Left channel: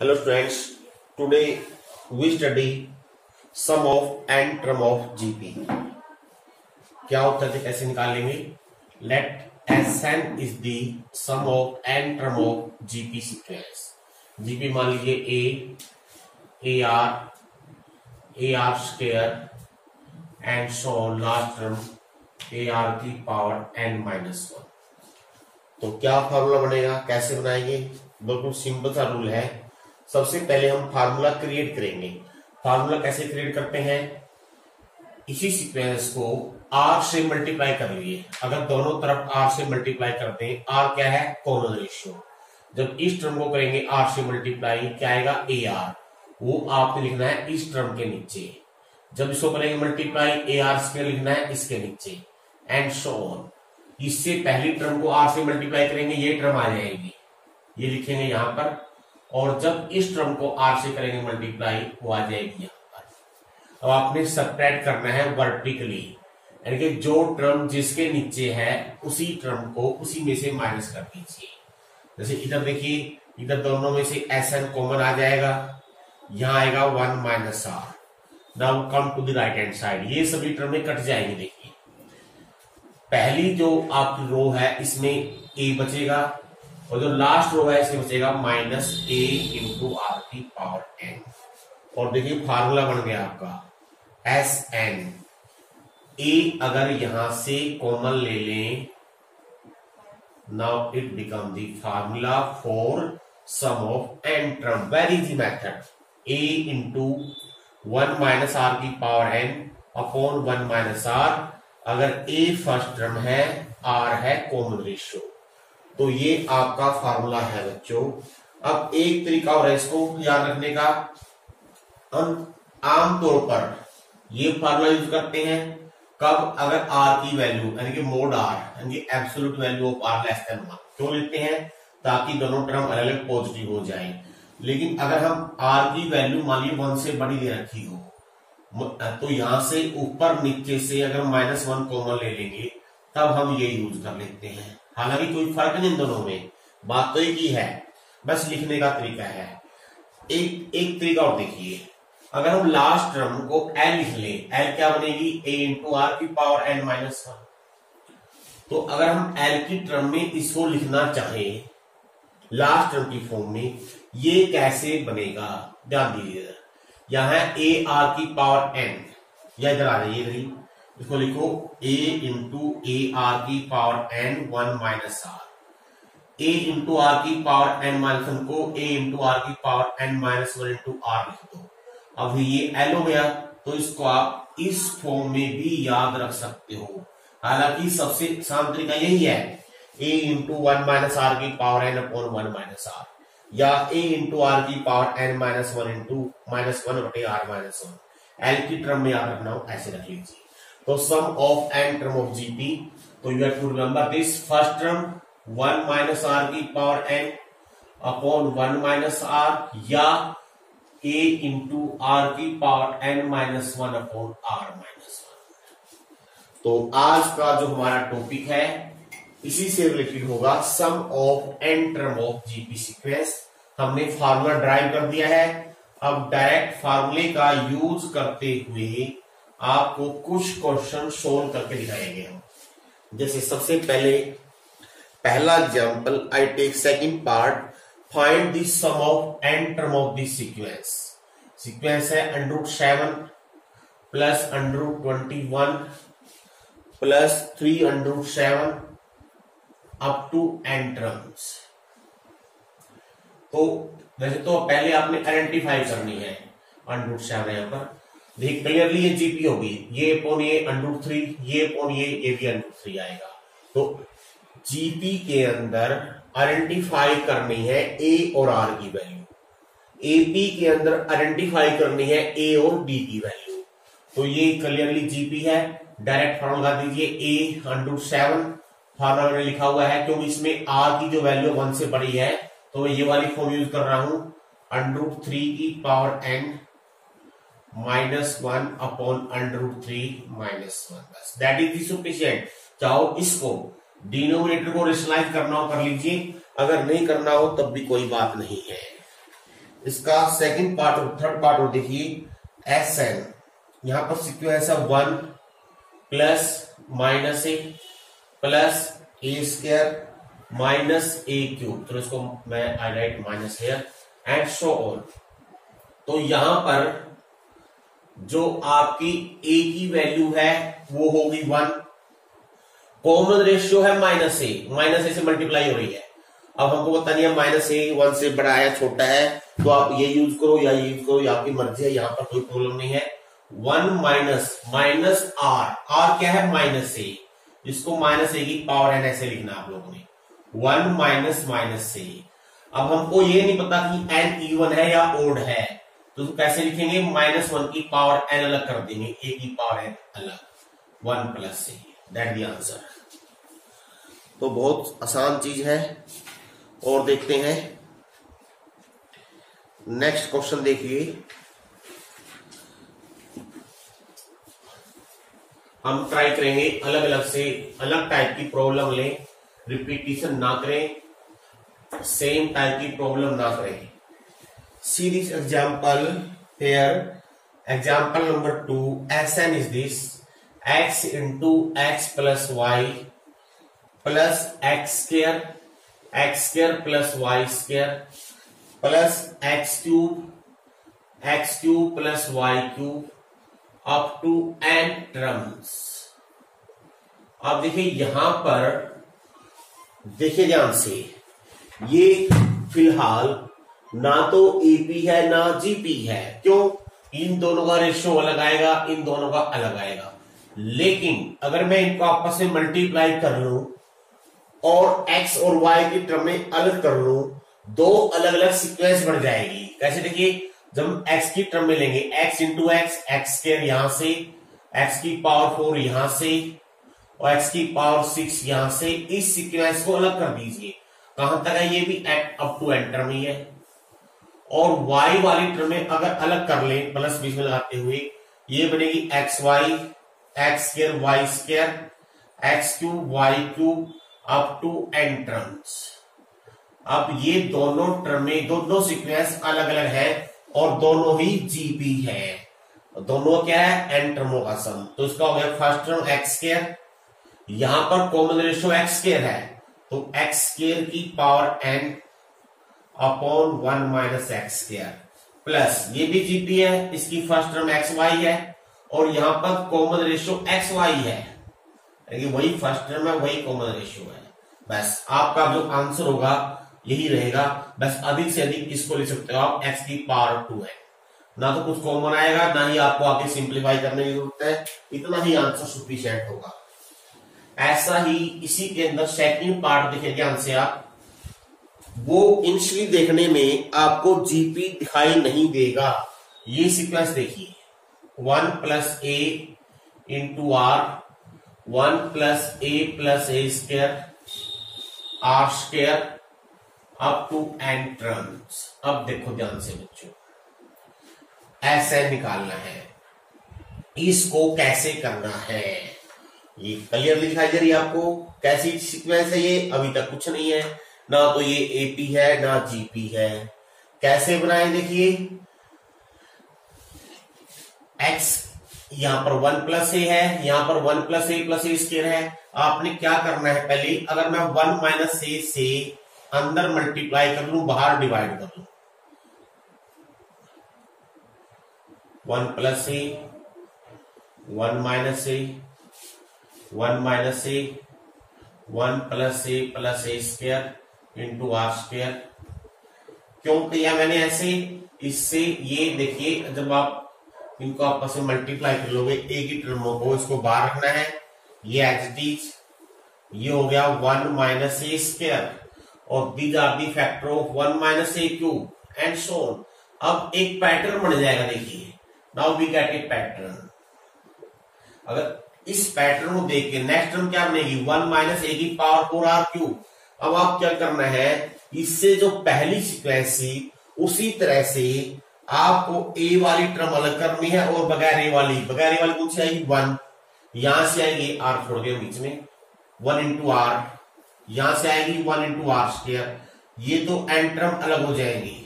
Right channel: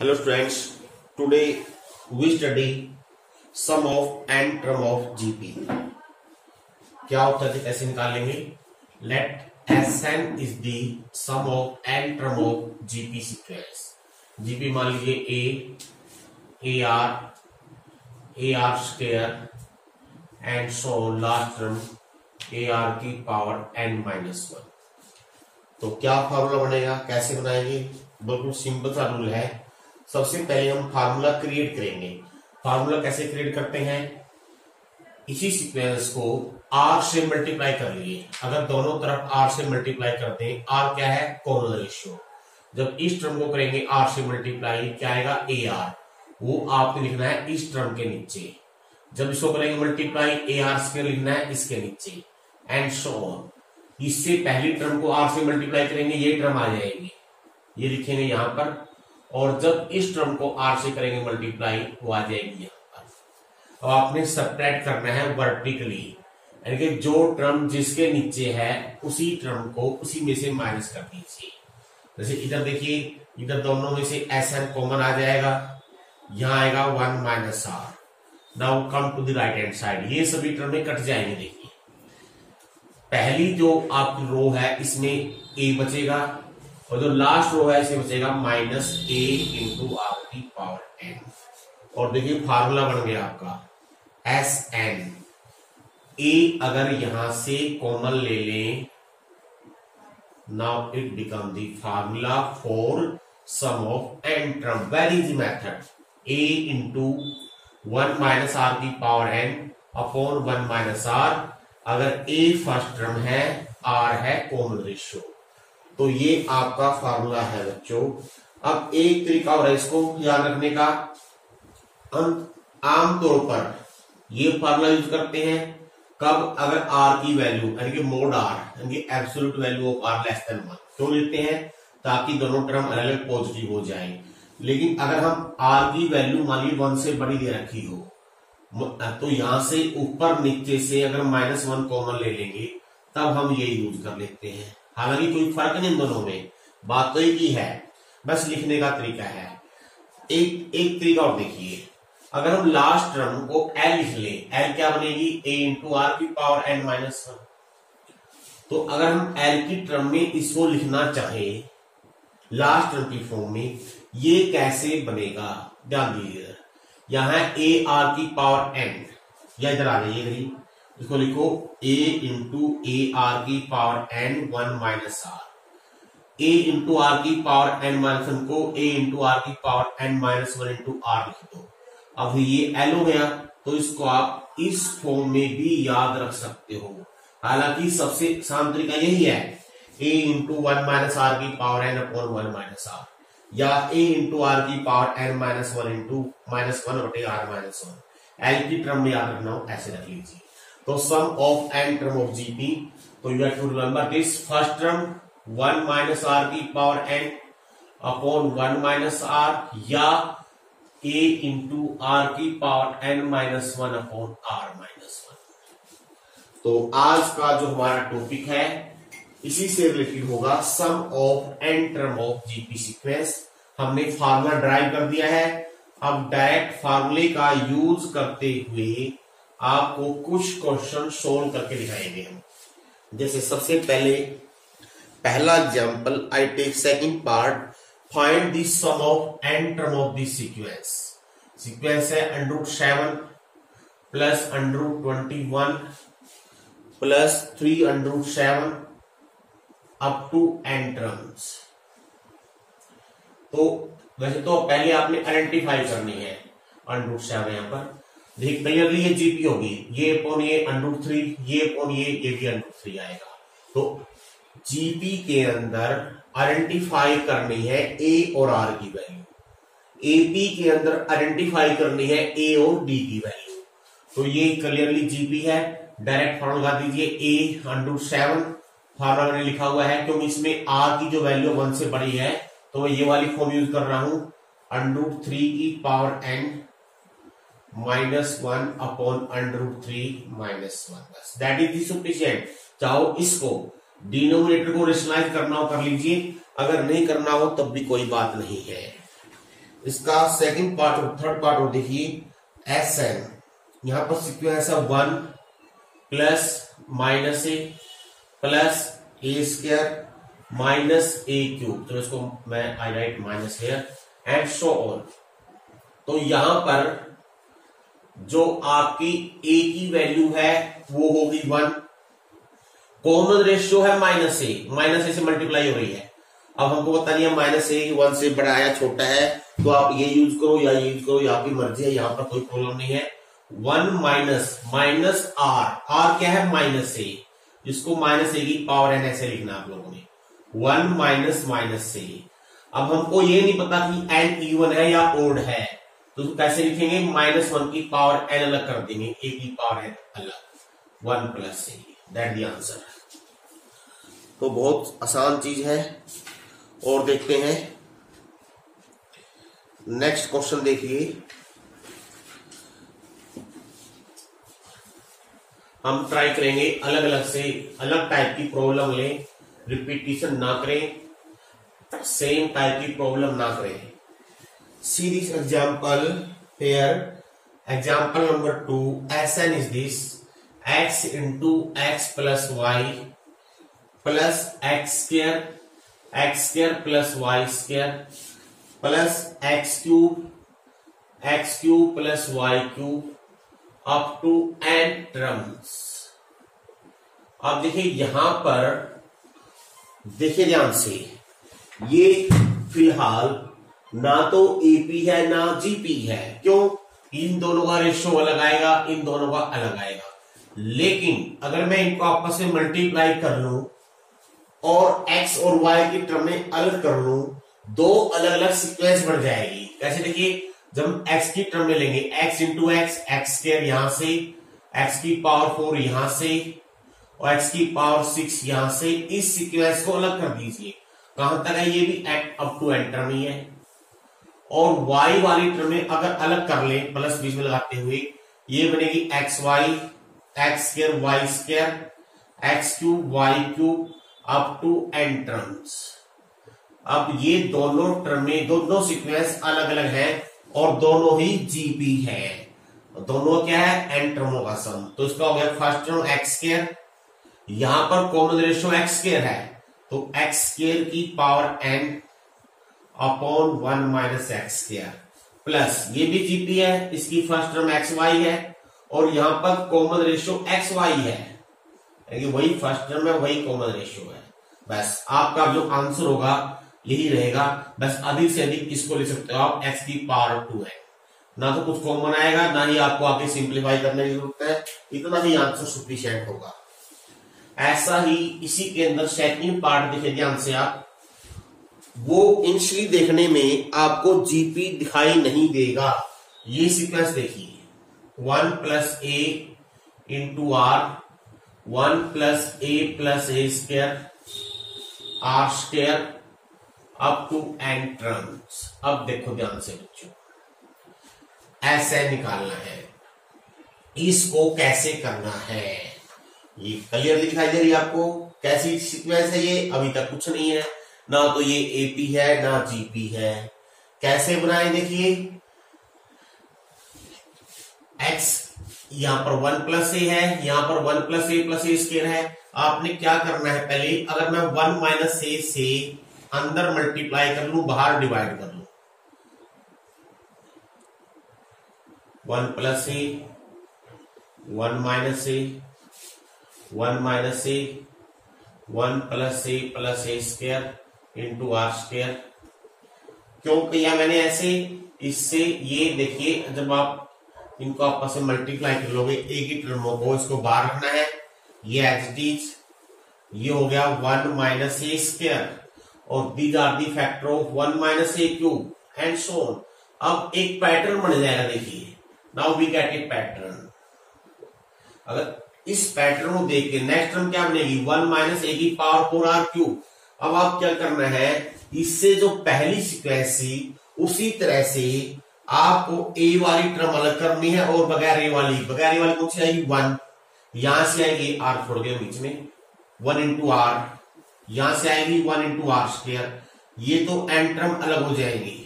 Hello students, today we study sum of n term of GP. क्या उत्तर से कैसे निकालेंगे? Let Sn is the sum of n term of GP sequence. GP मान लीजिए AR square and so last term AR की power n-1. तो क्या formula बनेगा, कैसे बनाएंगे? बिल्कुल सिंपल सा रूल है। सबसे पहले हम फार्मूला क्रिएट करेंगे। फार्मूला कैसे क्रिएट करते हैं? इसी सीक्वेंस को आर से मल्टीप्लाई कर लिए। अगर दोनों तरफ आर से मल्टीप्लाई करते हैं, आर क्या है? Common ratio. जब इस टर्म को करेंगे आर से मल्टीप्लाई, क्या आएगा? A R. वो आपने लिखना है इस टर्म के नीचे। जब इसको करेंगे मल्टीप्लाई, ए आर स्क्वायर लिखना है इसके नीचे, एंड सो ऑन। इससे पहली टर्म को आर से मल्टीप्लाई करेंगे, ये टर्म आ जाएगी, ये लिखेंगे यहां पर। और जब इस टर्म को आर से करेंगे मल्टीप्लाई, वो आ जाएगी यहां पर। अब आपने सब्ट्रैक्ट करना है वर्टिकली, यानी कि जो टर्म जिसके नीचे है उसी टर्म को उसी में से माइनस कर दीजिए। जैसे इधर देखिए, इधर दोनों में से एस एन कॉमन आ जाएगा, यहां आएगा 1 minus r. Now come to the right hand side, ये सभी टर्में कट जाएंगे। देखिए पहली जो आपकी रो है इसमें ए बचेगा, और जो लास्ट रो है इसमें बचेगा माइनस ए इंटू आर की पावर एन। और देखिए फार्मूला बन गया आपका एस एन। ए अगर यहां से कॉमन ले लें, now it become the formula for sum of n term. Very easy method, a into 1 minus r की power n upon 1 minus r. अगर ए फर्स्ट टर्म है, आर है कॉमन रेशियो, तो ये आपका फार्मूला है बच्चों। अब एक तरीका और है इसको याद रखने का। आमतौर पर ये फार्मूला यूज करते हैं कब? अगर आर की वैल्यू यानी कि मोड आर यानी कि absolute value of r less than 1। क्यों लेते हैं? ताकि दोनों टर्म अलग अलग पॉजिटिव हो जाए। लेकिन अगर हम आर की वैल्यू मान लीजिए 1 से बड़ी दे रखी हो, तो यहां से ऊपर नीचे से अगर -1 कॉमन ले लेंगे, तब हम ये यूज कर लेते हैं। हालांकि कोई फर्क नहीं इन दोनों में, बात तो एक ही है, बस लिखने का तरीका है। एक तरीका और देखिए, अगर हम लास्ट टर्म को एल लिख लें, एल क्या बनेगी? ए इंटू आर की पावर n-1। तो अगर हम एल की टर्म में इसको लिखना चाहें लास्ट टर्म की फॉर्म में, ये कैसे बनेगा? ध्यान दीजिए, यहां ए आर की पावर एन, या इधर आ जाइए, इधर ही इसको लिखो a इंटू ए आर की power n 1 minus r. a into r की पावर एन माइनस 1 को a इंटू आर की power n minus 1 into r लिख दो। अब ये एल हो गया, तो इसको आप इस फॉर्म में भी याद रख सकते हो। हालांकि सबसे आसान तरीका यही है, a इंटू 1 माइनस आर की power n upon 1 minus r, या a इंटू आर की पावर एन माइनस 1 इंटू -1 बटे आर माइनस 1। एल की टर्म में याद रखना हो ऐसे रख लीजिए। तो sum of n term of GP, तो you have to remember this. First term 1 minus r की power n upon 1 minus r, या ए इंटू आर की power n minus 1 upon r minus 1। तो आज का जो हमारा टॉपिक है इसी से रिलेटेड होगा, sum of n term of GP sequence. हमने फार्मूला ड्राइव कर दिया है, अब डायरेक्ट फार्मूले का यूज करते हुए आपको कुछ क्वेश्चन सोल्व करके दिखाएंगे हम। जैसे सबसे पहले पहला example, I take second part, find the sum of n term of this sequence. Sequence है √7 plus √21 plus 3√7 up to n terms. तो वैसे तो पहले आपने आइडेंटिफाई करनी है √7 यहां पर। देखिए क्लियरली ये जीपी होगी, ये अपॉन ये √3, ये अपॉन ये भी √3 आएगा। तो जीपी के अंदर आइडेंटिफाई करनी है ए और आर की वैल्यू, एपी के अंदर आइडेंटिफाई करनी है ए और डी की वैल्यू। तो ये क्लियरली जीपी है, डायरेक्ट फॉर्मूला लगा दीजिए। ए √7 फार्मूला मैंने लिखा हुआ है, क्योंकि इसमें आर की जो वैल्यू 1 से बड़ी है, तो मैं ये वाली फॉर्म यूज कर रहा हूं, √3 की पावर एन -1 अपॉन √3 -1, बस दैट इज सफिशिएंट। चाहो इसको डिनोमिनेटर को रेशनलाइज करना हो कर लीजिए, अगर नहीं करना हो तब भी कोई बात नहीं है। इसका सेकंड पार्ट और थर्ड पार्ट और देखिए एस एन, यहां पर सिक्वेंस है 1 plus minus a plus a square minus a cube, तो इसको मैं I write minus here and so on. तो यहां पर जो आपकी ए की वैल्यू है वो होगी 1, कॉमन रेशियो है माइनस ए से मल्टीप्लाई हो रही है। अब हमको पता नहीं है माइनस ए 1 से बड़ा है छोटा है, तो आप ये यूज करो या ये यूज करो, ये आपकी मर्जी है, यहां पर कोई प्रॉब्लम नहीं है। 1 माइनस आर क्या है माइनस ए, जिसको माइनस ए की पावर एन ऐसे लिखना आप लोगों ने 1 माइनस ए। अब हमको ये नहीं पता कि एन इवन है या ओड है, तो कैसे लिखेंगे, -1 की पावर एन अलग कर देंगे, ए की पावर एन अलग, 1 plus A, that the answer. तो बहुत आसान चीज है। और देखते हैं नेक्स्ट क्वेश्चन, देखिए हम ट्राई करेंगे अलग अलग से अलग टाइप की प्रॉब्लम लें, रिपीटिशन ना करें, सेम टाइप की प्रॉब्लम ना करें। See this example here. Example number 2. Sn is this: x into x plus y plus x square plus y square plus x cube plus y cube up to n terms. अब देखिए यहां पर देखिए ध्यान से, ये फिलहाल ना तो एपी है ना जीपी है, क्यों, इन दोनों का रेशियो अलग आएगा, इन दोनों का अलग आएगा। लेकिन अगर मैं इनको आपस में मल्टीप्लाई कर लूं और एक्स और वाई की टर्म में अलग कर लूं, दो अलग अलग सीक्वेंस बन जाएगी। कैसे, देखिए जब हम एक्स की टर्म में लेंगे एक्स इंटू एक्स स्क्वायर यहां से, एक्स की पावर 4 यहां से और एक्स की पावर 6 यहां से, इस सीक्वेंस को अलग कर दीजिए। कहां तक है, ये भी अप टू एन टर्म ही है। और y वाली टर्म में अगर अलग कर लें प्लस बीच में लगाते हुए, ये बनेगी x y x square y square x cube y cube up to n terms. अब ये दोनों टर्म में दोनों सीक्वेंस अलग अलग है और दोनों ही जीपी है, दोनों क्या है, एन टर्मों का सम। तो इसका हो गया फर्स्ट टर्म एक्स स्क्वायर, यहां पर कॉमन रेशियो एक्स स्क्वायर है, तो एक्स स्क्वायर की power n upon 1 minus x square plus, ये भी जीपी है, इसकी फर्स्ट टर्म एक्स वाई है और यहां पर कॉमन रेशियो एक्स वाई है, वही फर्स्ट टर्म है वही कॉमन रेशियो है। बस आपका जो आंसर होगा यही रहेगा, बस अधिक से अधिक इसको ले सकते हो आप एक्स की पावर 2 है, ना तो कुछ कॉमन आएगा ना ही आपको आगे सिंप्लीफाई करने की जरूरत है, इतना ही आंसर सफिशिएंट होगा। ऐसा ही इसी के अंदर सेकंड पार्ट देखें ध्यान से आप, वो इनिशियली देखने में आपको जीपी दिखाई नहीं देगा। ये सीक्वेंस देखिए 1 plus a into r, 1 plus a square r square up to n terms. अब देखो ध्यान से बच्चों, ऐसे निकालना है, इसको कैसे करना है ये क्लियरली दिखाई दे रही है आपको। कैसी सीक्वेंस है ये, अभी तक कुछ नहीं है, ना तो ये एपी है ना जीपी है। कैसे बनाए, देखिए एक्स यहां पर 1 प्लस ए है, यहां पर 1 प्लस ए स्क्वायर है। आपने क्या करना है, पहले अगर मैं 1 माइनस ए से अंदर मल्टीप्लाई कर लूं, बाहर डिवाइड कर लूं, 1 plus a 1 minus a 1 minus a 1 plus a square into r square. क्यों किया मैंने ऐसे, इससे ये देखिए जब आप इनको आपस में मल्टीप्लाई कर लोगे, एक ही टर्मों को इसको बाहर रखना है, ये एज इट इज, ये हो गया 1 माइनस ए स्क्वायर और these are the factor of 1 minus a cube and so on. अब एक पैटर्न बन जाएगा, देखिए now we get a pattern. अगर इस पैटर्न को देख के नेक्स्ट टर्म क्या बनेगी, 1 माइनस ए की पावर 4 आर क्यूब। अब आप क्या करना है, इससे जो पहली सीक्वेंस थी उसी तरह से आपको ए वाली टर्म अलग करनी है और बगैर ए वाली कौन सी आएगी, 1, यहां से आएगी आर छोड़ के बीच में 1 इंटू आर, यहां से आएगी 1 इंटू आर स्क्वायर, ये तो एन टर्म अलग हो जाएंगी।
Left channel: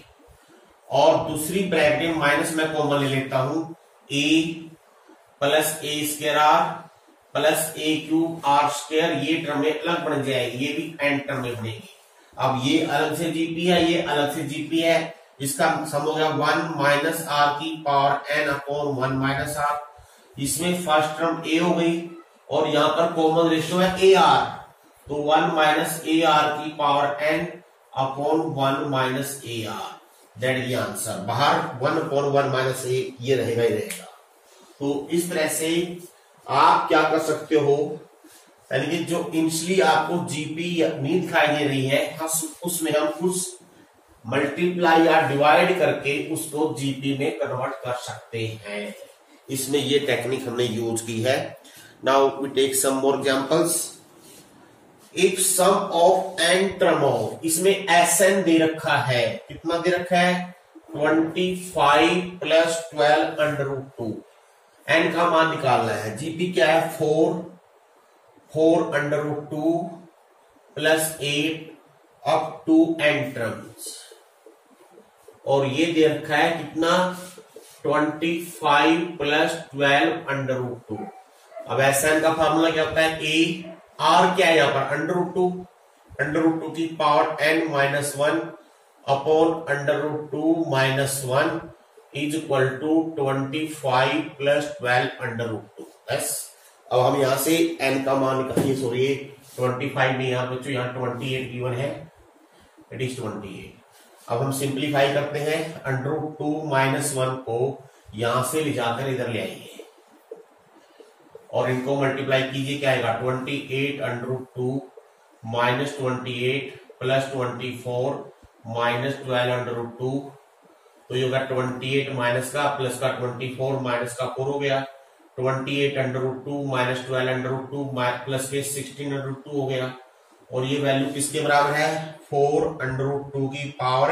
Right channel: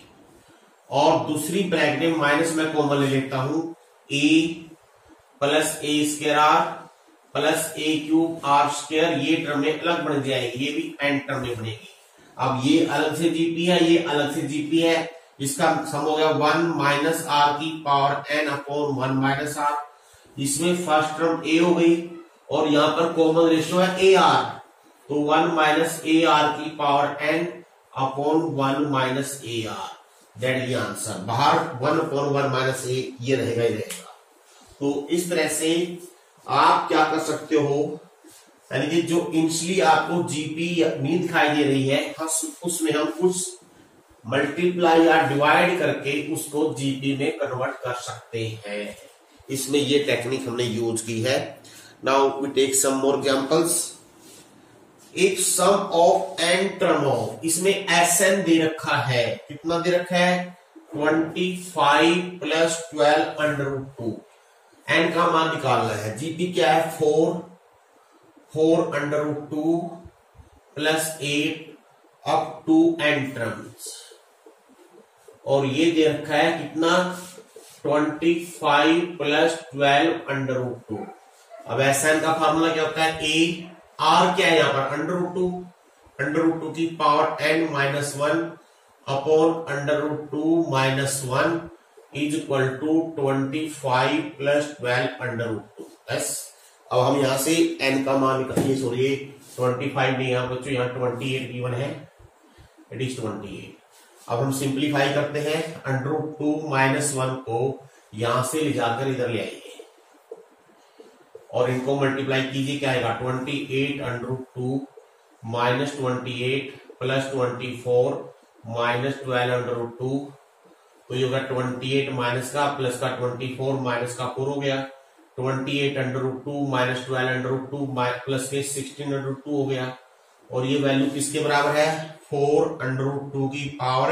और दूसरी ब्रैकेट में माइनस मैं कॉमन ले लेता हूं, a plus a square r plus a cube r square, ये टर्म में अलग बन जाएगी, ये भी एन टर्म में बनेगी। अब ये अलग से जीपी है, ये अलग से जीपी है, इसका सम हो गया 1 माइनस आर की power n upon 1 minus r. इसमें फर्स्ट टर्म ए हो गई और यहां पर कॉमन रेशियो है ए आर, तो 1 माइनस ए आर की power n upon 1 minus a r, that is answer. बाहर 1 अपॉन 1 माइनस ए ये रहेगा ही रहेगा। तो इस तरह से आप क्या कर सकते हो, यानी कि जो इनिशियली आपको जीपी नहीं दिखाई दे रही है, उसमें हम कुछ मल्टीप्लाई या डिवाइड करके उसको जीपी में कन्वर्ट कर सकते हैं। इसमें ये टेक्निक हमने यूज की है। Now we take some more examples. If sum of n term of, इसमें एस एन दे रखा है, कितना दे रखा है 25 प्लस 12 अंडर रूट 2, एन का मान निकालना है। जीपी क्या है 4 under root 2 plus 8 up to n terms, और ये दे रखा है कितना 25 प्लस 12 अंडर रूट 2। अब एस एन का फॉर्मूला क्या होता है, ए आर क्या है यहां पर अंडर रूट 2 की power n minus 1 upon under root 2 minus 1 is equal to 25 plus 12 under root 2। बस अब हम यहां से एन का मान निकालिए, सॉरी 25 नहीं यहाँ बच्चों, यहाँ 28 गिवन है, इट इज 28। अब हम सिंप्लीफाई करते हैं, अंडर रूट 2 माइनस 1 को यहां से ले जाकर इधर ले आएंगे और इनको मल्टीप्लाई कीजिए, क्या आएगा 28 under root 2 minus 28 plus 24 minus 12 under root 2, तो ये होगा 28 माइनस का प्लस का 24 माइनस का 4 हो गया, 28 under root 2 minus 12 under root 2 plus के 16 अंडर रूट 2 हो गया, और ये वैल्यू किसके बराबर है 4 अंडर रूट 2 की पावर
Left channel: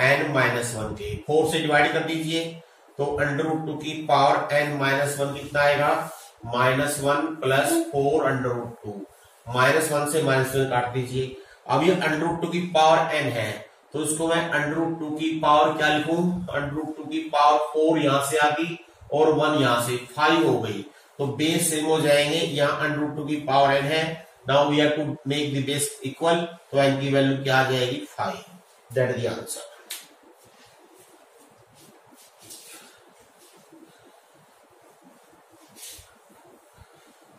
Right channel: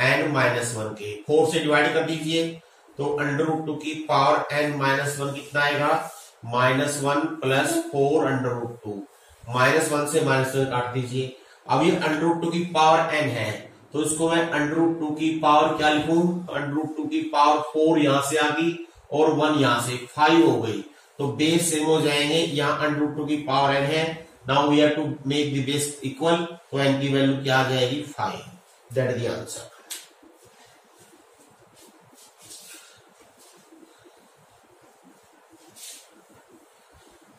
एन माइनस 1 के। 4 से डिवाइड कर दीजिए तो अंडर रूट 2 की पावर एन माइनस 1 कितना आएगा -1 प्लस 4 अंडर रूट 2, -1 से -1 काट दीजिए। अब ये अंडर रूट 2 की पावर एन है तो इसको मैं अंडर रूट 2 की पावर क्या लिखूं, अंडर रूट 2 की पावर 4 यहां से आ गई और 1 यहां से 5 हो गई, तो बेस सेम हो जाएंगे। यहां अंडर रूट 2 की पावर एन है, now we have to make the base equal, तो एन की वैल्यू क्या आ जाएगी 5, that is the answer.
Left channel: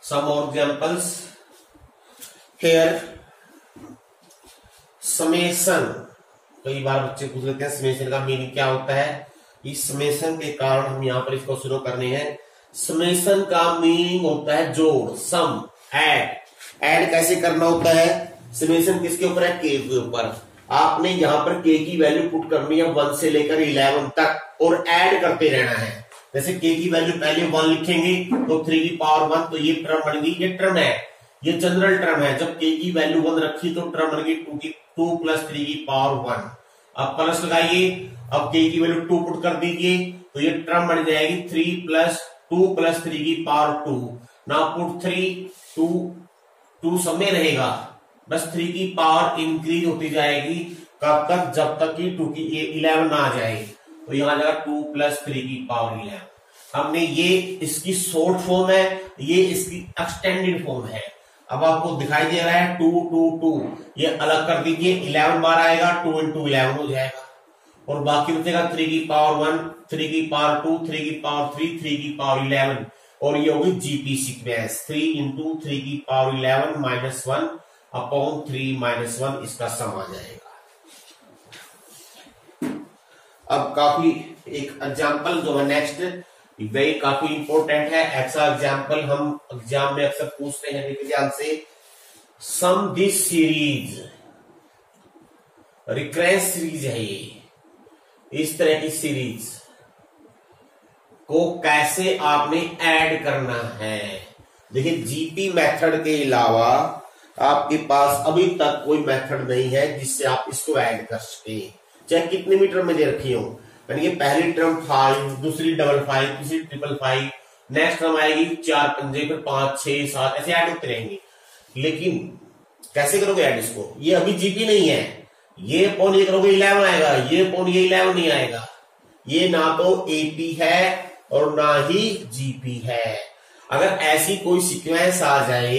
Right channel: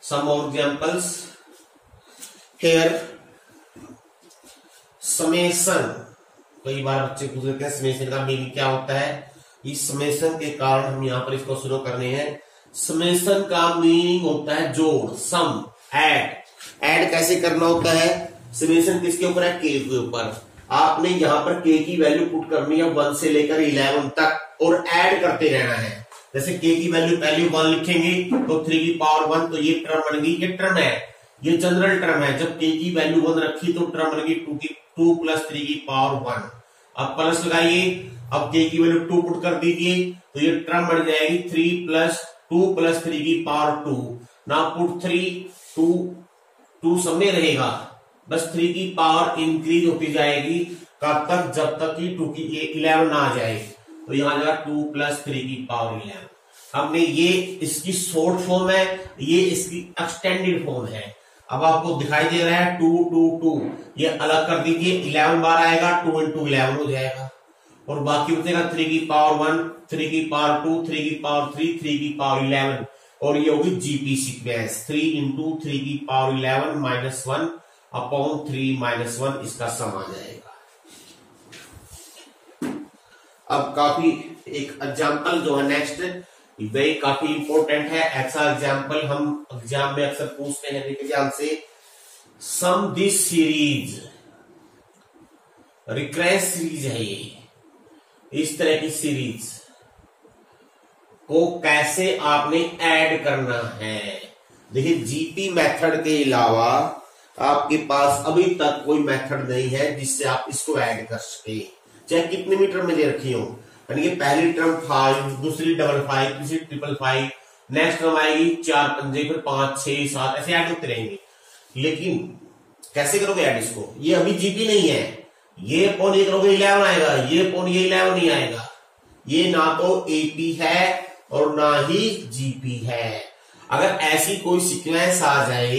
Some more examples here. Summation, कई बार बच्चे पूछ लेते हैं समेशन का मीनिंग क्या होता है। इस समेशन के कारण हम यहाँ पर इसको शुरू करने हैं। समेशन का मीनिंग होता है जोड़, सम, ऐड कैसे करना होता है। समेशन किसके ऊपर है, के के ऊपर। आपने यहाँ पर के की वैल्यू पुट करनी है 1 से लेकर 11 तक और ऐड करते रहना है। जैसे के की वैल्यू पहले 1 लिखेंगे तो 3 की पावर 1, तो ये टर्म बन गई, ये टर्म है, ये जनरल टर्म है। जब के की वैल्यू 1 रखी तो टर्म बन गई 2 प्लस 3 की पावर 1। अब प्लस लगाइए, अब के की वैल्यू 2 पुट कर दीजिए तो ये टर्म बन जाएगी 3 प्लस 2 प्लस 3 की पावर 2। नाउ पुट 3, 2 सब में रहेगा, बस 3 की पावर इंक्रीज होती जाएगी, कब तक, जब तक कि 2 की 11 ना आ जाए, तो यहां जाएगा 2 प्लस 3 की पावर 11। हमने ये इसकी शॉर्ट फॉर्म है, ये इसकी एक्सटेंडेड फॉर्म है। अब आपको दिखाई दे रहा है 2 2 2, ये अलग कर दीजिए, 11 बार आएगा, 2 into 11 हो जाएगा, और बाकी बचेगा 3 की पावर 1, 3 की पावर 2, 3 की पावर 3, 3 की पावर 11, और ये होगी जीपी सीक्वेंस 3 into 3 की पावर 11 -1 अपॉन 3 -1, इसका सम आ जाएगा। अब काफी एक एग्जाम्पल जो है नेक्स्ट, वही काफी इंपॉर्टेंट है। ऐसा एग्जाम्पल हम एग्जाम में अक्सर पूछते हैं एग्जाम से। सम दिस सीरीज, रिकरेंस सीरीज है ये, इस तरह की सीरीज को कैसे आपने ऐड करना है। देखिए जीपी मेथड के अलावा आपके पास अभी तक कोई मेथड नहीं है जिससे आप इसको ऐड कर सके, चाहे कितने भी टर्म में दे रखी हो। यानी कि पहली टर्म 5, दूसरी 55, तीसरी 555, नेक्स्ट टर्म आएगी 4 पंजे, फिर 5 6 7 ऐसे ऐड होते रहेंगे। लेकिन कैसे करोगे ऐड इसको, ये अभी जीपी नहीं है, ये अपॉन ये करोगे 11 आएगा, ये अपॉन ये 11 नहीं आएगा। ये ना तो एपी है और ना ही जीपी है। अगर ऐसी कोई सीक्वेंस आ जाए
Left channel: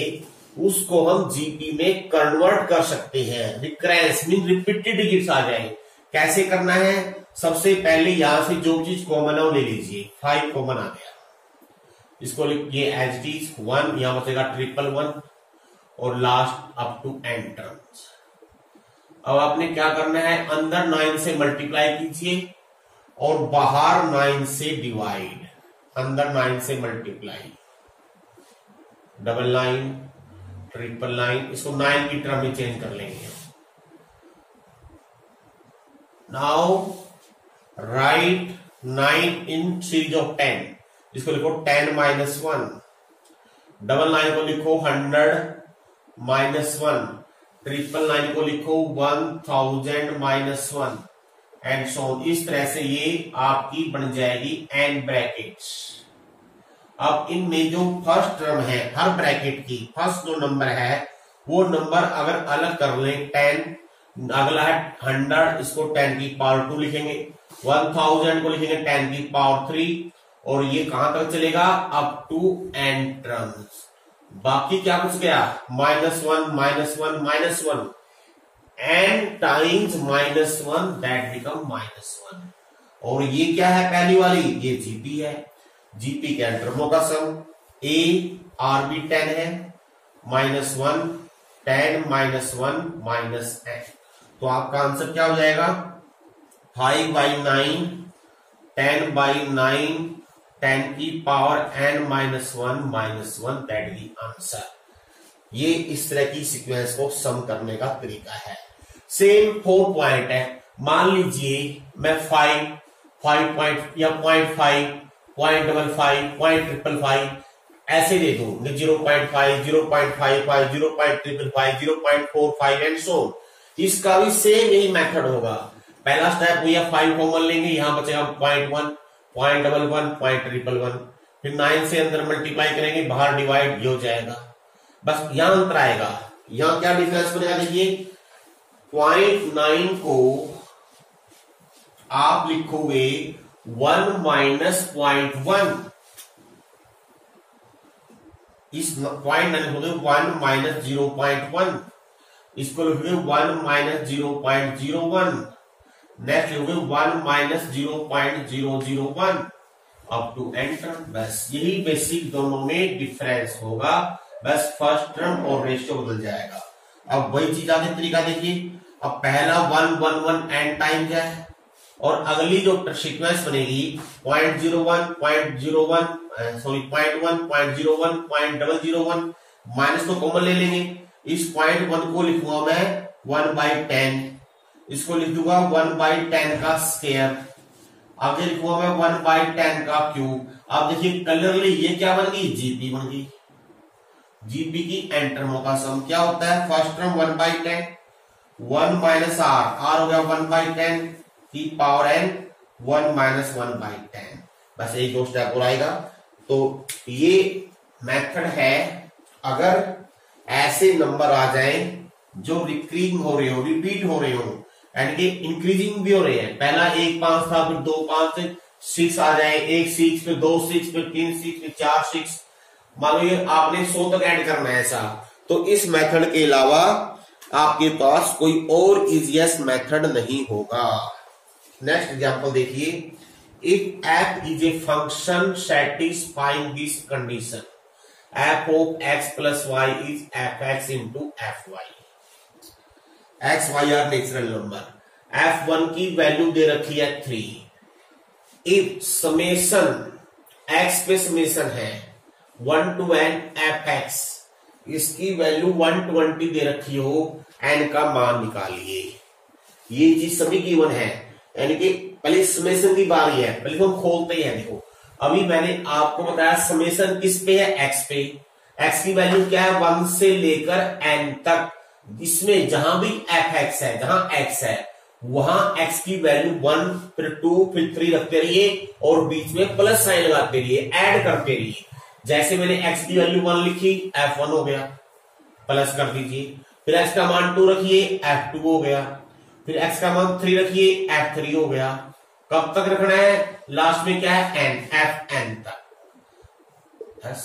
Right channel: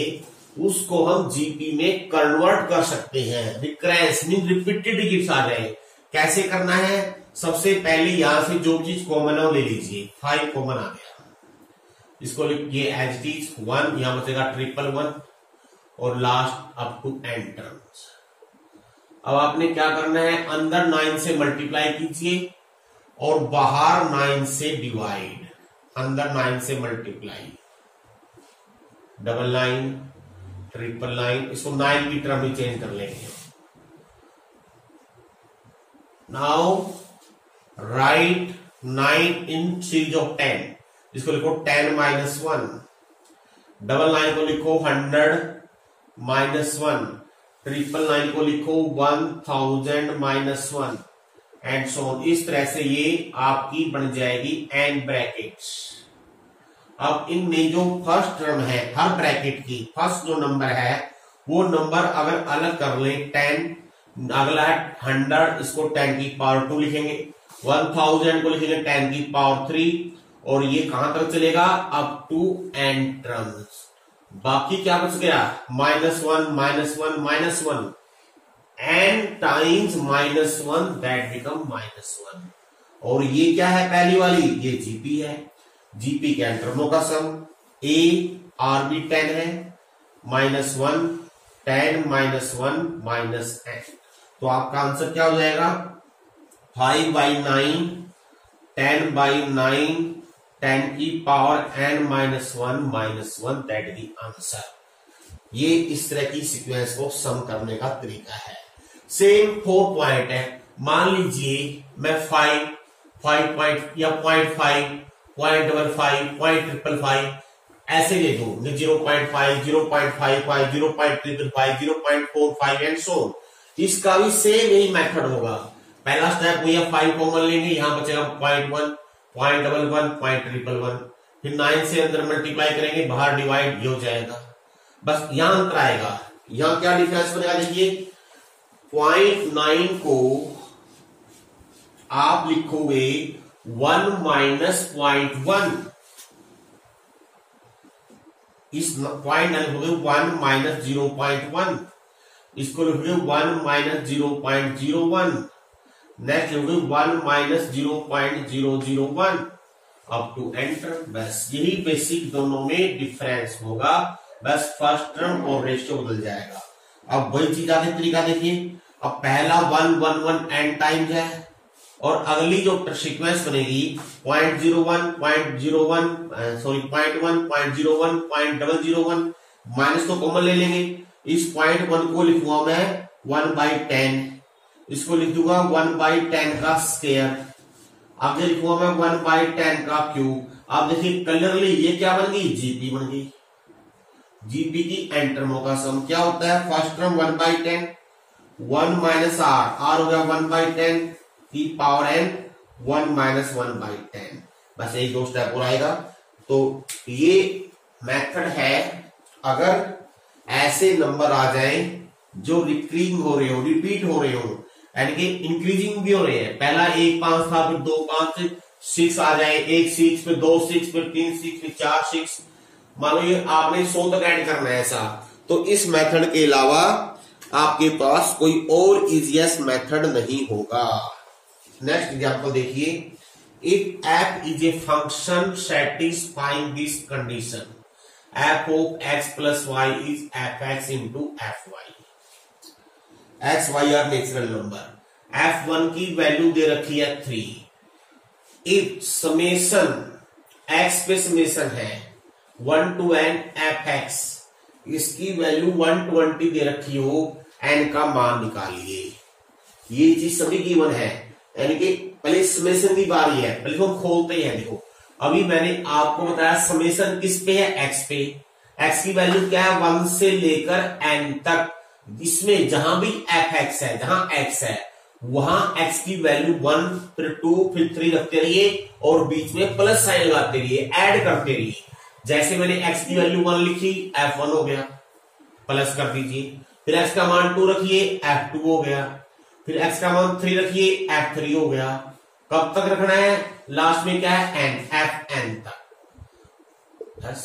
उसको हम जीपी में कन्वर्ट कर सकते हैं। रिकरेंस मीन रिपीटेड डिजिट्स आ जाए, कैसे करना है? सबसे पहले यहां से जो चीज कॉमन है वो ले लीजिए। 5 कॉमन आ गया, इसको लिखिए एज इट इज 1, यहां बचेगा 111 और last up to n terms. अब आपने क्या करना है, अंदर 9 से मल्टीप्लाई कीजिए और बाहर 9 से डिवाइड। अंदर 9 से मल्टीप्लाई, 99 999, इसको 9 की टर्म में चेंज कर लेंगे। Now right 9 in series of 10, इसको लिखो 10 माइनस 1, 99 को लिखो 100 माइनस 1, 999 को लिखो 1000 माइनस 1 एंड सो ऑन। इस तरह से ये आपकी बन जाएगी n ब्रैकेट्स। अब इनमें जो फर्स्ट टर्म है हर ब्रैकेट की, फर्स्ट जो नंबर है वो नंबर अगर अलग कर लें 10, अगला है 100, इसको 10 की पावर 2 लिखेंगे, 1000 को लिखेंगे 10 की पावर 3 और ये कहां तक चलेगा? Up to n terms. बाकी क्या बच गया? -1 -1 -1 n टाइम्स -1 दैट बिकम -1। और ये क्या है पहली वाली? ये जीपी है। जीपी के टर्मों का सम a r भी 10 है, -1 10 -1 -n। तो आपका आंसर क्या हो जाएगा? 5/9 10/9 10 की power n -1 that the answer. ये इस तरह की सीक्वेंस को सम करने का तरीका है। सेम 4 पॉइंट है। मान लीजिए मैं 5 या 0.5 0.55 0.555 ऐसे दे दो, 0.5 0.55 0.355 0.45 एंड सो। इसका भी सेम यही मेथड होगा। पहला स्टेप हुआ 5 कॉमन लेंगे, यहां बचेगा 0.1 0.11 0.111, फिर 9 से अंदर मल्टीप्लाई करेंगे, बाहर डिवाइड हो जाएगा। बस यहां अंतर आएगा। यहां क्या डिफरेंस बनेगा? देखिए 0.9 को आप लिखोगे 1 माइनस 0.1, इस 0.9 लिखोगे 1 माइनस 0.1, इसको लिखोगे 1 माइनस 0.01, नेक्स्ट लिखोगे 1 माइनस 0.001 अप टू एंटर। बस यही बेसिक दोनों में डिफरेंस होगा, बस फर्स्ट टर्म और रेशियो बदल जाएगा। अब वही चीज आगे तरीका देखिए। अब पहला 1 1 1 n टाइम्स है और अगली जो सीक्वेंस बनेगी 0.01 0.01 सॉरी 0.1 0.01 0.001 माइनस को कॉमन ले लेंगे। इस 0.1 को लिखूंगा मैं 1/10, इसको लिख दूंगा 1/10 का स्क्वायर, आगे लिखूंगा मैं 1/10 का क्यूब। आप देखिए क्लियरली ये क्या बन गई? जीपी बन गई। जीपी की एन टर्मों का सम क्या होता है? फर्स्ट टर्म 1/10, 1 माइनस आर हो गया 1/10 की पावर n, 1 माइनस 1/10। बस यही 2 स्टेप और आएगा। तो ये मेथड है अगर ऐसे नंबर आ जाएं जो रिकरिंग हो रहे हो, रिपीट हो रहे हो, यानी कि इंक्रीजिंग भी हो रहे हैं। पहला 1 5 था, फिर 2 5 6 आ जाए, 1 6 फिर 2 6 फिर 3 6 फिर 4 6। मान लो आपने 100 तक ऐड करना है ऐसा, तो इस मेथड के अलावा आपके पास कोई और इजीएस्ट मेथड नहीं होगा। नेक्स्ट एग्जांपल देखिए। If f is a function satisfying this condition, f of x plus y is fx into fy। x y are natural number, f1 की वैल्यू दे रखी है 3। इफ समेशन x पे summation है 1 to n fx, इसकी value 120 दे रखी हो, n का मान निकालिए। ये चीज सभी गिवन है, यानी कि पहले समेशन की बारी है, पहले हम खोलते हैं। देखो अभी मैंने आपको बताया समेशन किस पे है? x पे। x की वैल्यू क्या है? 1 से लेकर n तक। इसमें जहां भी fx है, जहां x है, वहां x की वैल्यू 1 फिर 2 फिर 3 रखते रहिए और बीच में प्लस साइन लगाते रहिए, ऐड करते रहिए। जैसे मैंने x की वैल्यू 1 लिखी, f1 हो गया, प्लस कर दीजिए। फिर x का मान 2 रखिए, f2 हो गया। फिर x का मान 3 रखिए, f3 हो गया। कब तक रखना है, लास्ट में क्या है एन, एफ एन तक। बस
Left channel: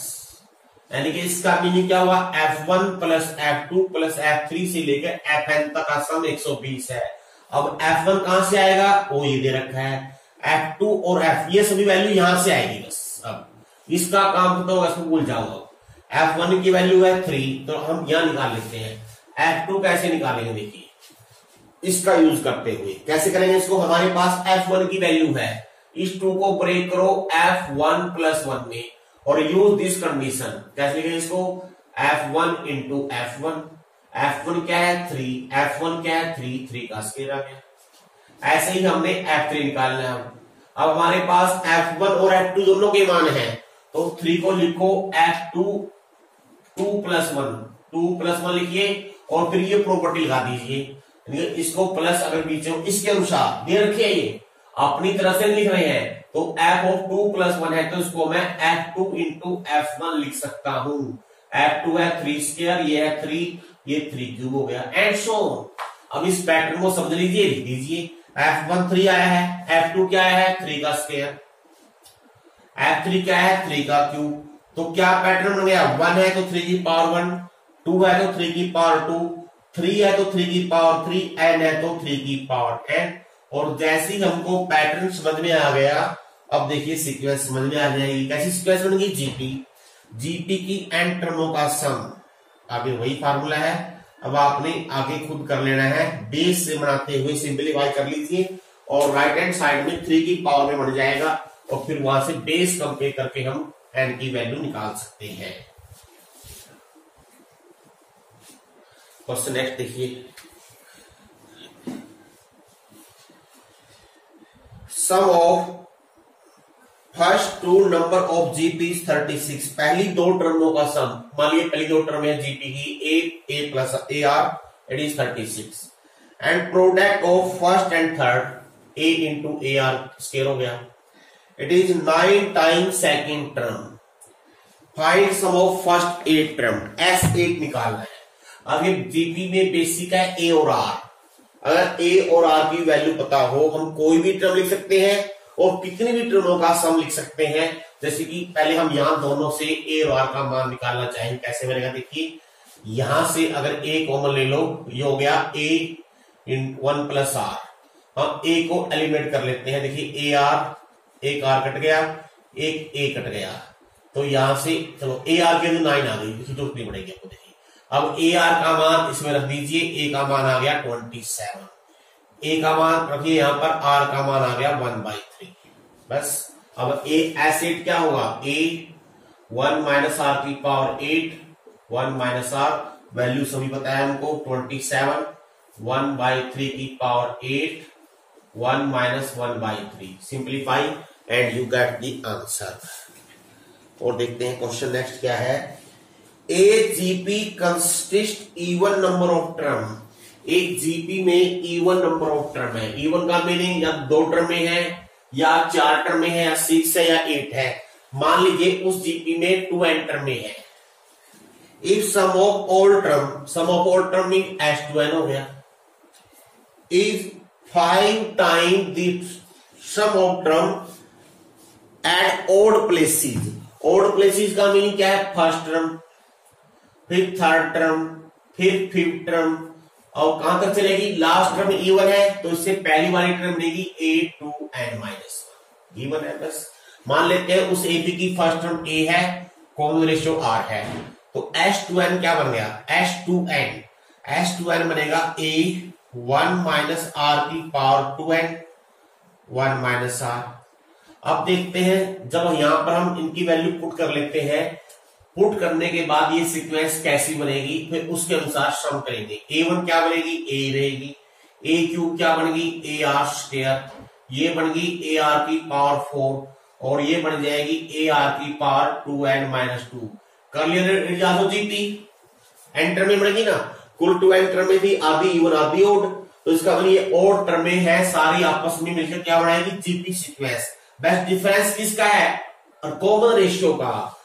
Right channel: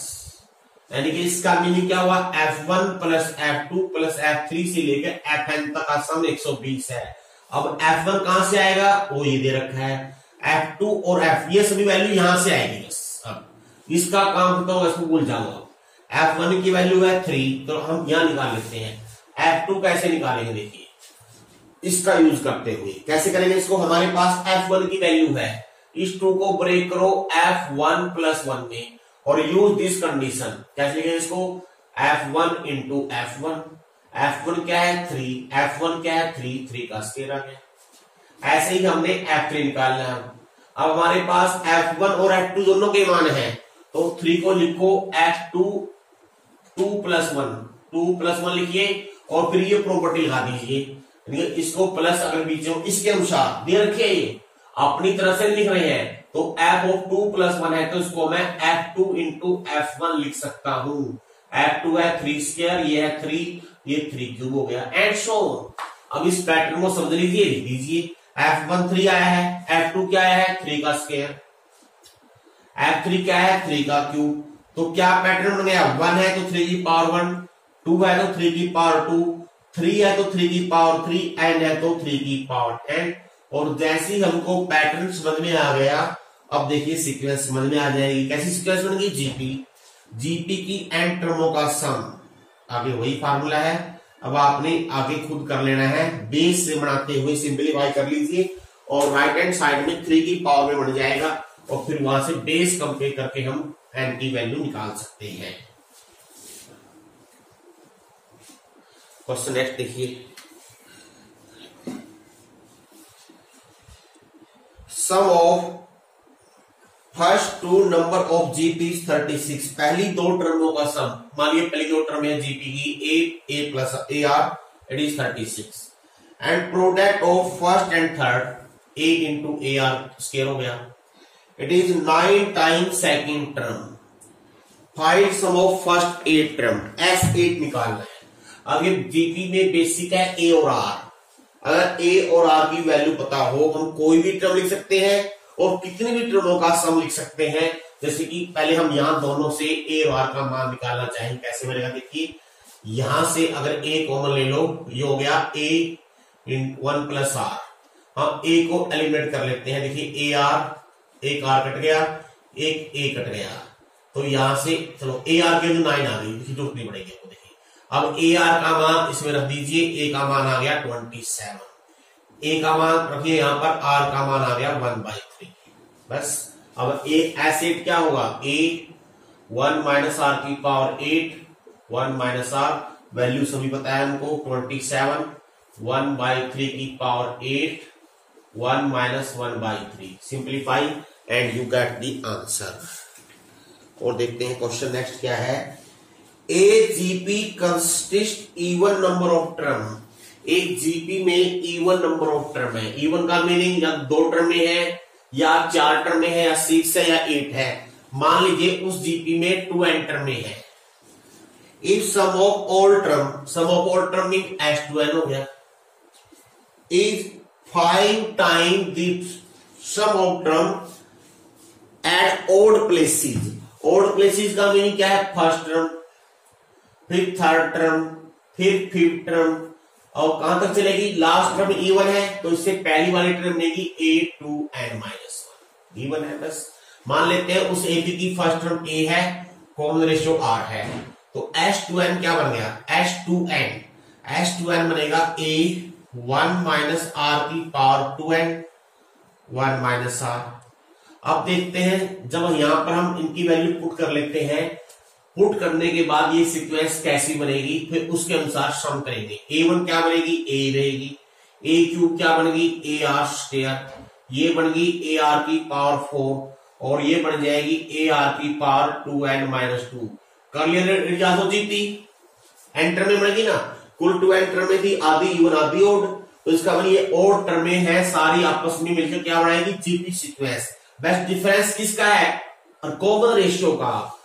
यानी कि इसका मीनिंग क्या हुआ, F1 plus F2 plus F3 से लेकर Fn तक का सम 120 है। अब F1 कहां से आएगा, वो ये दे रखा है, F2 और F ये सभी वैल्यू यहां से आएगी बस। अब इसका काम खत्म होगा, इसको भूल जाऊंगा। F1 की वैल्यू है 3, तो हम यहां निकाल लेते हैं। F2 कैसे निकालेंगे, देखिए इसका यूज करते हुए कैसे करेंगे इसको। हमारे पास F1 की वैल्यू है, इस 2 को ब्रेक करो F1 प्लस 1 में और यूज दिस कंडीशन। कैसे लिखेंगे इसको, F1 इंटू F1, F1 क्या है 3, F1 क्या है 3, 3 का स्क्वायर आ गया। ऐसे ही हमने F3 निकालना है। अब हमारे पास F1 और F2 दोनों के मान हैं, तो 3 को लिखो F2 2 प्लस 1, 2 प्लस 1 लिखिए और फिर ये प्रॉपर्टी लगा दीजिए। इसको प्लस अगर बीच में इसके अनुसार दे रखिए, ये अपनी तरफ से लिख रहे हैं, तो f ऑफ 2 प्लस 1 है, तो इसको मैं F2 इंटू F1 लिख सकता हूं। F2 है 3 स्क्वायर, ये है 3, ये 3 क्यूब हो गया, एंड सो ऑन। अब इस पैटर्न को समझ लीजिए, लिख दीजिए। F1 3 आया है, F2 क्या आया है 3 का स्क्वायर, F3 क्या है 3 का क्यूब। तो क्या पैटर्न बन गया, 1 है तो 3 की पावर 1, 2 है तो 3 की पावर 2, 3 है तो 3 की पावर 3, n है तो 3 की पावर n। और जैसे ही हमको पैटर्न समझ में आ गया, अब देखिए सीक्वेंस समझ में आ जाएगी। कैसी सीक्वेंस बनेगी, जीपी की n टर्मों का सम, आगे वही फार्मूला है। अब आपने आगे खुद कर लेना है, बेस से बनाते हुए सिंपलीफाई कर लीजिए और राइट हैंड साइड में 3 की पावर में बन जाएगा और फिर वहां से बेस कंपेयर करके हम n की वैल्यू निकाल सकते हैं। क्वेश्चन नेक्स्ट देखिए, sum of first 2 number of GP 36। पहली 2 टर्मों का सम, मान लीजिए पहली 2 टर्म है जीपी की 8 a plus AR, it is 36, and product of first and third 8 into AR square हो गया, it is 9 times second term. Find sum of first 8 term, S8 निकालना है। आगे जीपी में बेसिक है A और R, अगर A और R की वैल्यू पता हो, हम कोई भी टर्म लिख सकते हैं और कितनी भी टर्मों का सम लिख सकते हैं। जैसे कि पहले हम यहां दोनों से A और R का मान निकालना चाहें, कैसे बनेगा देखिए। यहां से अगर A कॉमन ले लो, ये हो गया A इन 1 प्लस R। हम A को एलिमिनेट कर लेते हैं, देखिए AR, एक R कट गया, एक A कट गया, तो यहां से चलो AR के 9 आ गई, इसकी जरूरत नहीं पड़ेगी आपको। देखिए अब AR का मान इसमें रख दीजिए, A का मान आ गया 27, A का मान रखिए यहां पर, R का मान आ गया 1/3। बस अब S8 क्या होगा, A 1 माइनस R की पावर 8, 1 माइनस R, वैल्यू सभी पता है हमको 27, 1/3 की power 8, 1 minus 1/3, simplify and you get the answer. और देखते हैं क्वेश्चन नेक्स्ट क्या है। ए GP consist even number of term, एक जीपी में इवन नंबर ऑफ टर्म है। इवन का मीनिंग या 2 टर्म में है, या 4 टर्म में है, या 6 है, या 8 है। मान लीजिए उस जीपी में 2n टर्म में है। If sum of all term, sum of all term mean S2n हो गया, if 5 time the sum of term at odd places. Odd places का मीनिंग क्या है, फर्स्ट टर्म, फिर थर्ड टर्म, फिर फिफ्थ टर्म, और कहां तक चलेगी, लास्ट टर्म इवन है, तो इससे पहली वाली टर्म बनेगी A2n-1, इवन है। बस मान लेते हैं उस AP की फर्स्ट टर्म A है, कॉमन रेशियो R है, तो S2n क्या बन गया, S2n बनेगा A 1 माइनस R की पावर 2n, 1 माइनस R। अब देखते हैं, जब यहां पर हम इनकी वैल्यू पुट कर लेते हैं, पुट करने के बाद ये सीक्वेंस कैसी बनेगी, फिर उसके अनुसार सम करेंगे। A1 क्या बनेगी, A रहेगी, A क्यूब क्या बनेगी, AR स्क्वायर, ये बन गई AR की पावर 4, और ये बन जाएगी AR की पावर 2n-2। कर लिया तो जीपी एंटर में बनेगी ना, कुल 2 एंटर में थी, आधी इवन आधी ओड, तो इसका मतलब ये ओड टर्म में है, सारी आपस में मिलकर क्या बनाएगी, जीपी सीक्वेंस। बेस्ट डिफरेंस किसका है, और कॉमन रेशियो का।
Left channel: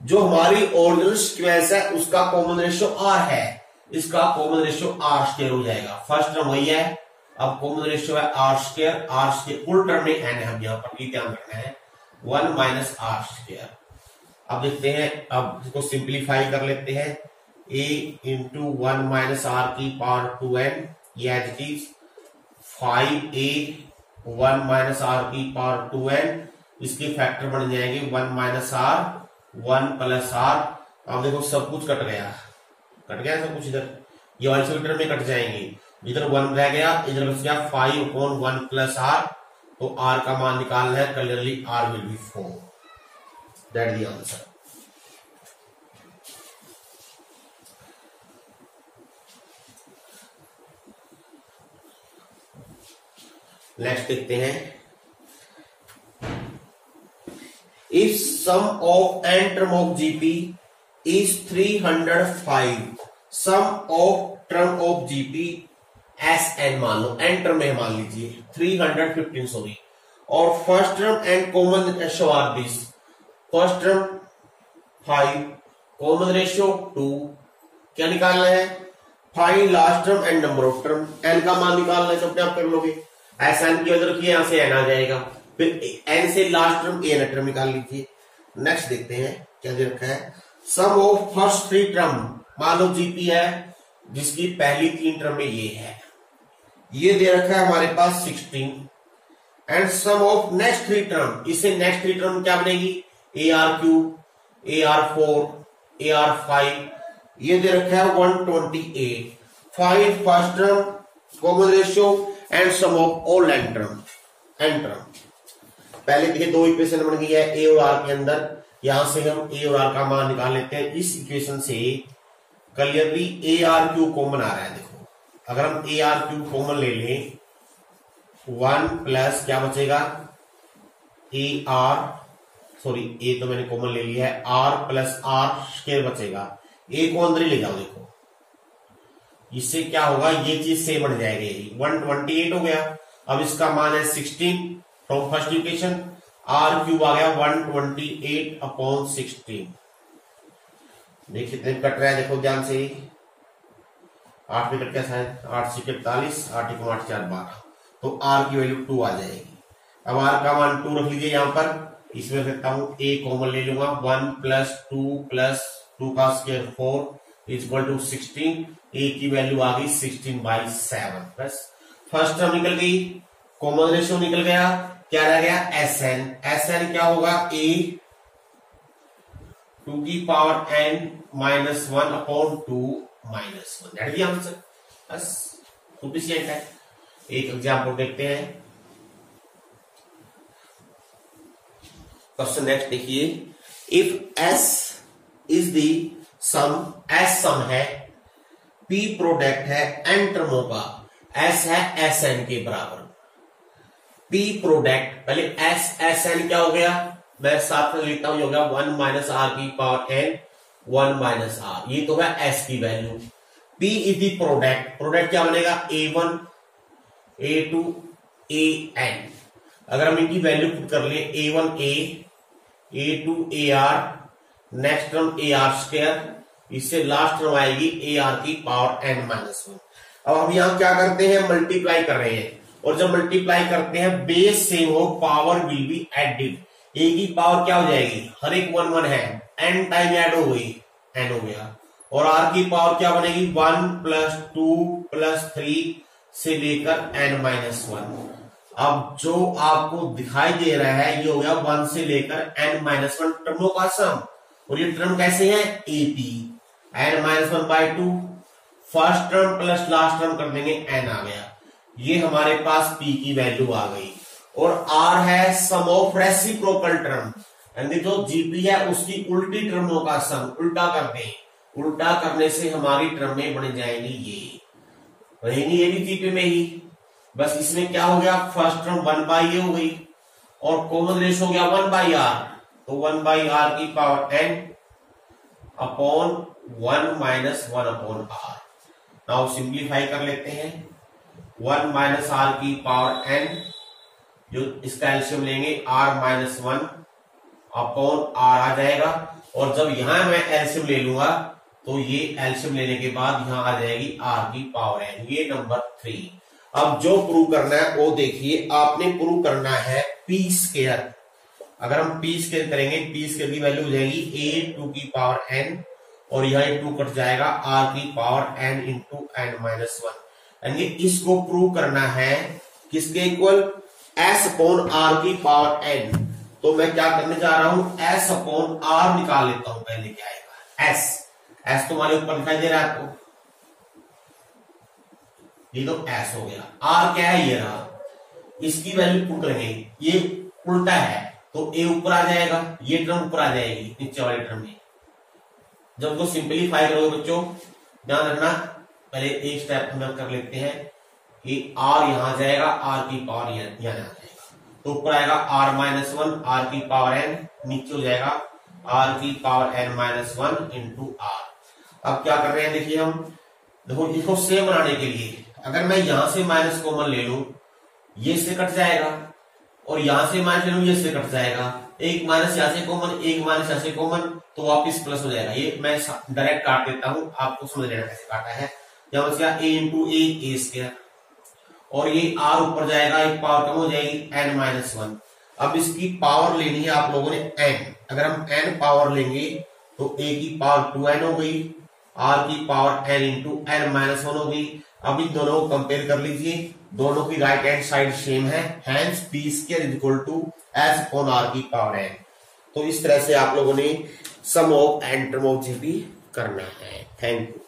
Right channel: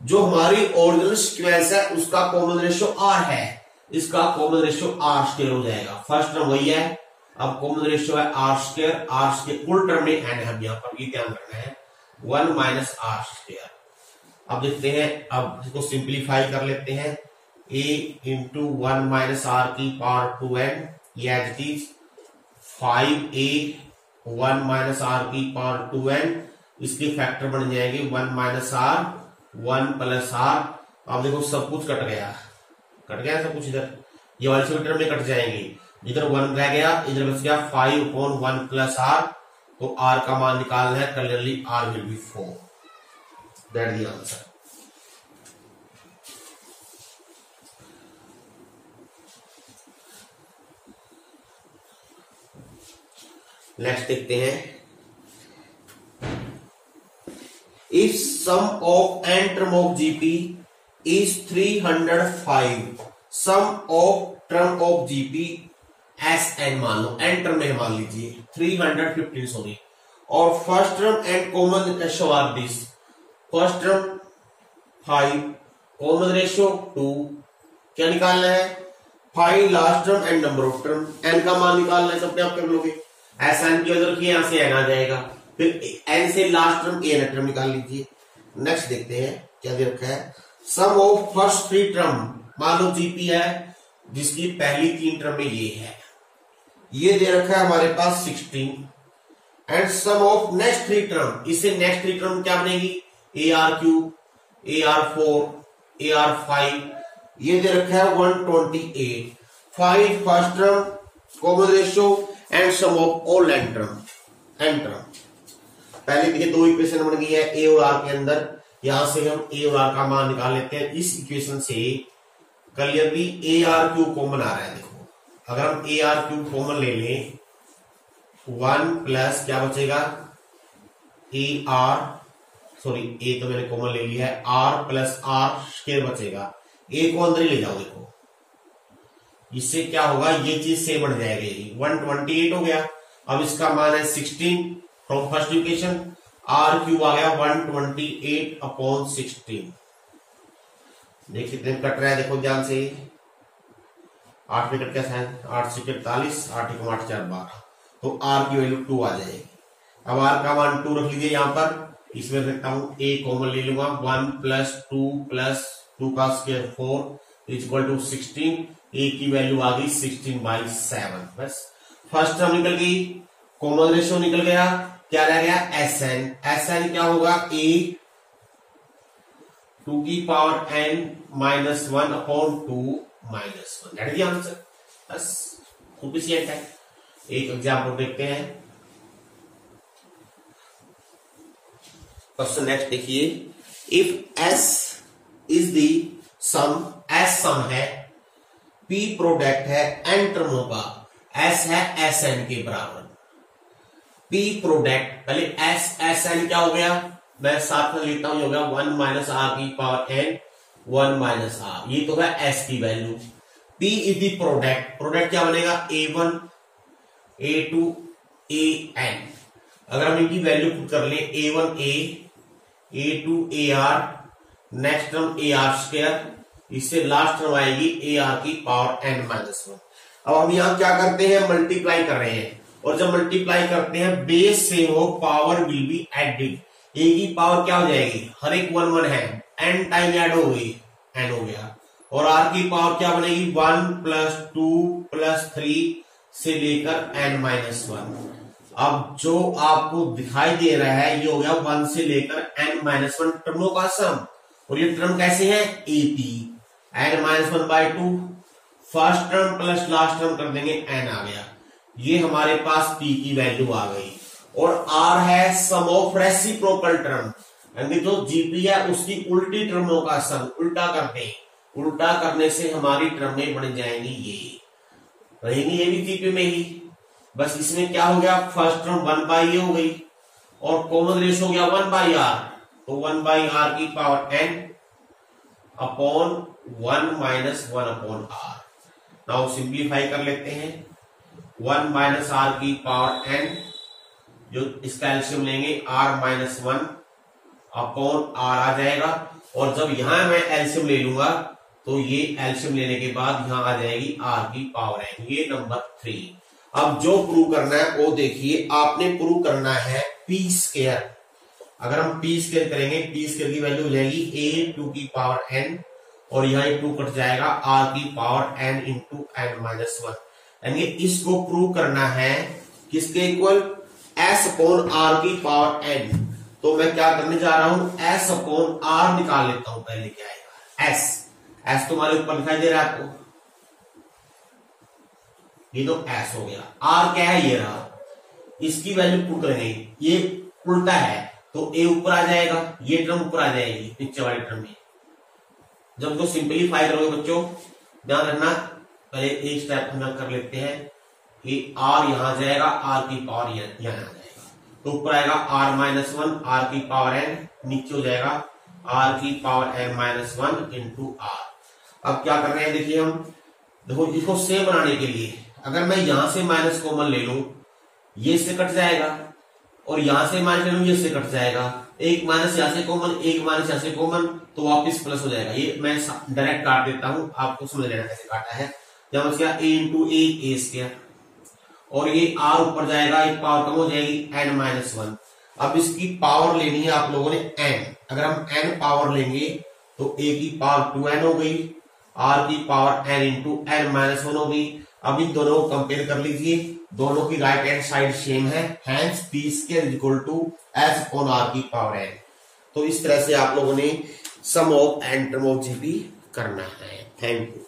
जो हमारी ओरिजिनल सीक्वेंस है उसका कॉमन रेशियो R है, इसका कॉमन रेशियो R स्क्वायर हो जाएगा। फर्स्ट टर्म वही है, अब कॉमन रेशियो है आर स्क्वायर फुल टर्म में एन है, यहाँ पर ये ध्यान रखना है 1 माइनस आर स्क्वायर। अब देखते हैं, अब इसको सिंप्लीफाई कर लेते हैं, a इंटू 1 माइनस आर की पावर 2n, ये as it is 5a 1 minus r की पावर 2n, इसके फैक्टर बन जाएंगे 1 माइनस आर 1 प्लस आर। अब देखो सब कुछ कट गया सब कुछ, इधर ये वाले सभी टर्म में कट जाएंगे, इधर 1 रह गया, इधर बच गया 5/1 प्लस आर, तो आर का मान निकालना है, clearly r will be 4, that is the answer. Next देखते हैं, if sum of n term of GP is 305, sum of term of GP S n मान लो, एन टर्म में मान लीजिए 315 सॉरी, और first term and common ratio are this, first term 5, common ratio 2, क्या निकालना है 5 last term and number of term, n का मान निकालना है, तो अपने आप कर लोगे, एस एन की वजह रखिए, यहां से एन आ जाएगा, फिर एन से लास्ट टर्म ए टर्म निकाल लीजिए। नेक्स्ट देखते हैं क्या दे रखा है, सम ऑफ फर्स्ट 3 टर्म, मान लो जीपी है जिसकी पहली 3 टर्म में ये है, ये दे रखा है हमारे पास 16, and sum of next 3 term, इसे नेक्स्ट 3 टर्म क्या बनेगी AR3, AR4, AR5, ये दे रखा है 128, 5 first term common ratio and sum of all n term, पहले देखिए 2 इक्वेशन बन गई है ए और आर के अंदर, यहां से हम ए और आर का मान निकाल लेते हैं, इस इक्वेशन से क्लियरली AR3 कॉमन आ रहा है। देखो अगर हम AR3 कॉमन ले लें, 1 प्लस क्या बचेगा ए तो मैंने कॉमन ले लिया है, आर प्लस आर स्क्वायर बचेगा, ए को अंदर ही ले जाओ, देखो इससे क्या होगा, ये चीज सेम बन जाएगी, 128 हो गया। अब इसका मान है 16 from first equation, r cube आ गया 128/16, देखिए कितने कट रहा है, देखो ध्यान से, 8 में कट कैसा है, 8 से 48, 8 1 8 4 12, तो आर की वैल्यू 2 आ जाएगी। अब आर का मान 2 रख लीजिए यहां पर, इसमें रखता हूं ए कॉमन ले लूंगा, 1 प्लस 2 का स्क्वायर 4 इक्वल टू 16, ए की वैल्यू आ गई 16/7, बस फर्स्ट टर्म निकल गई, कॉमन रेशियो निकल गया, क्या रह गया एस एन क्या होगा ए 2 की power n -1/2 -1, that is the answer, बस सुफिशिएंट है। एक एग्जांपल देखते हैं, क्वेश्चन नेक्स्ट देखिए, if S is the sum, S sum है, P प्रोडक्ट है n टर्मों का, S है Sn के बराबर, P प्रोडक्ट, पहले Sn क्या हो गया, मैं साथ में लिखता हूं, हो गया 1 माइनस आर की पावर n 1 माइनस आर, ये तो है S की value, P is the product क्या बनेगा A1 A2 AN, अगर हम इनकी वैल्यू पुट कर ले, A1 A A2 AR, next term AR square, इससे लास्ट टर्म आएगी AR की पावर n-1। अब हम यहां क्या करते हैं, मल्टीप्लाई कर रहे हैं, और जब मल्टीप्लाई करते हैं बेस सेम हो, पावर विल बी एडेड, ए की पावर क्या हो जाएगी, हर एक 1 1 है, n टाइम ऐड हो गई, n हो गया, और r की पावर क्या बनेगी 1 प्लस 2 प्लस 3 से लेकर n-1। अब जो आपको दिखाई दे रहा है ये हो गया 1 से लेकर n-1 टर्मों का सम, और ये टर्म कैसे है AP, n-1/2, first term plus last term कर देंगे, n आ गया, ये हमारे पास P की वैल्यू आ गई, और R है सम ऑफ रेसिप्रोकल टर्म, यानी जो GP है उसकी उल्टी टर्मों का सम, उल्टा कर दें, उल्टा करने से हमारी टर्में बन जाएंगी, ये रहेंगी ये भी GP में ही, बस इसमें क्या हो गया, फर्स्ट टर्म 1/a हो गई, और कॉमन रेशियो हो गया 1/r, तो 1/r की power n upon 1 minus 1/r, now simplify कर लेते हैं, 1 माइनस r की पावर n, जो इसका एलसीएम लेंगे r-1 अपॉन r आ जाएगा, और जब यहां मैं एलसीएम ले लूंगा तो ये एलसीएम लेने के बाद यहां आ जाएगी r की पावर n, ये नंबर 3। अब जो प्रूव करना है वो देखिए, आपने प्रूव करना है पी स्क्वायर। अगर हम पी स्क्वायर करेंगे, पी स्क्वायर की वैल्यू हो जाएगी ए टू की पावर एन, और यहाँ 2 कट जाएगा आर की power n into n minus 1। यानी इसको प्रूव करना है किसके इक्वल, एस अपॉन आर की पावर एन। तो मैं क्या करने जा रहा हूं, एस अपॉन आर निकाल लेता हूं। पहले क्या आएगा, एस। एस तुम्हारे ऊपर दिखाई दे रहा है आपको, ये तो एस हो गया। आर क्या है, ये रहा। इसकी वैल्यू पुट करेंगे, ये उल्टा है तो ए ऊपर आ जाएगा, ये टर्म ऊपर आ जाएगी नीचे वाली टर्म में। जब उसको सिंप्लीफाई करोगे बच्चों, ध्यान रखना, पहले एक स्टेप हम कर लेते हैं कि आर यहां जाएगा, आर की पावर यहां आ जाएगा, तो ऊपर आएगा आर माइनस 1 आर की पावर एन, नीचे हो जाएगा आर की power n minus 1 into r. अब क्या कर रहे हैं, देखिए हम, देखो इसको सेम बनाने के लिए अगर मैं यहां से माइनस कॉमन ले लूं, ये इससे कट जाएगा, और यहां से माइनस ले लूं, ये इससे कट जाएगा। एक माइनस यहां से कॉमन, एक माइनस यहां से कॉमन, तो वापिस प्लस हो जाएगा। ये मैं डायरेक्ट काट देता हूं, आपको समझ लेना कैसे काटा है। यहां बच गया ए इंटू ए स्क्वायर, और ये आर ऊपर जाएगा, एक पावर कम हो जाएगी एन माइनस 1। अब इसकी पावर लेनी है आप लोगों ने एन। अगर हम एन पावर लेंगे तो ए की पावर 2n हो गई, आर की power n into n minus 1 हो गई। अब इन दोनों को कंपेयर कर लीजिए, दोनों की राइट हैंड साइड सेम है, hence p square is equal to s upon r की पावर एन। तो इस तरह से आप लोगों ने sum of n term of GP करना है। Thank you.